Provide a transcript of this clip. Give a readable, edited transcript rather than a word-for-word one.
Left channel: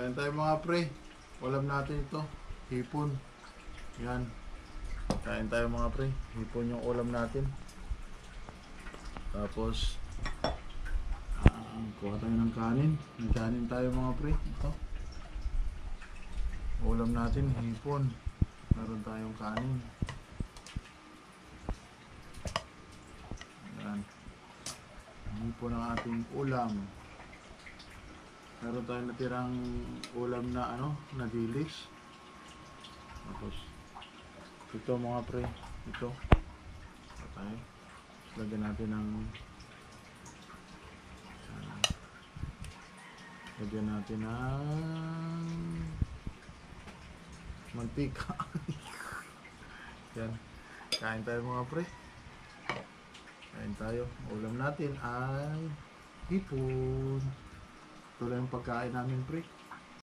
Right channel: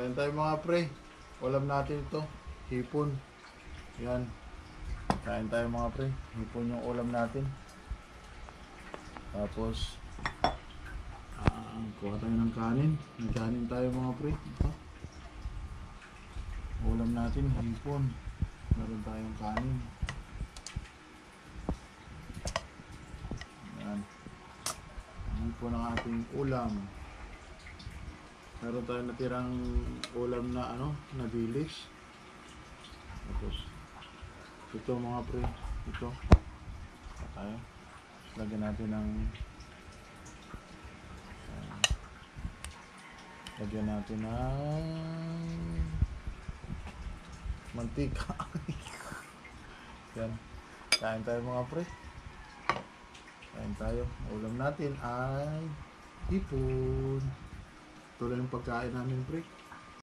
Kain tayo mga pre. Ulam natin ito. Hipon. Yan. Kain tayo mga pre. Hipon yung ulam natin. Tapos kuha tayo ng kanin. May kanin tayo mga pre. Ito. Ulam natin hipon. Meron tayong kanin. Yan. Hipon ang ating ulam. Meron tayong natirang ulam na na dilis. Tapos ito mga pre, ito. Tayo. Lagyan natin ng mantika. Yan. Kain tayo mga pre. Kain tayo. Ulam natin ay hipon. Ito lang yung pagkain namin pre.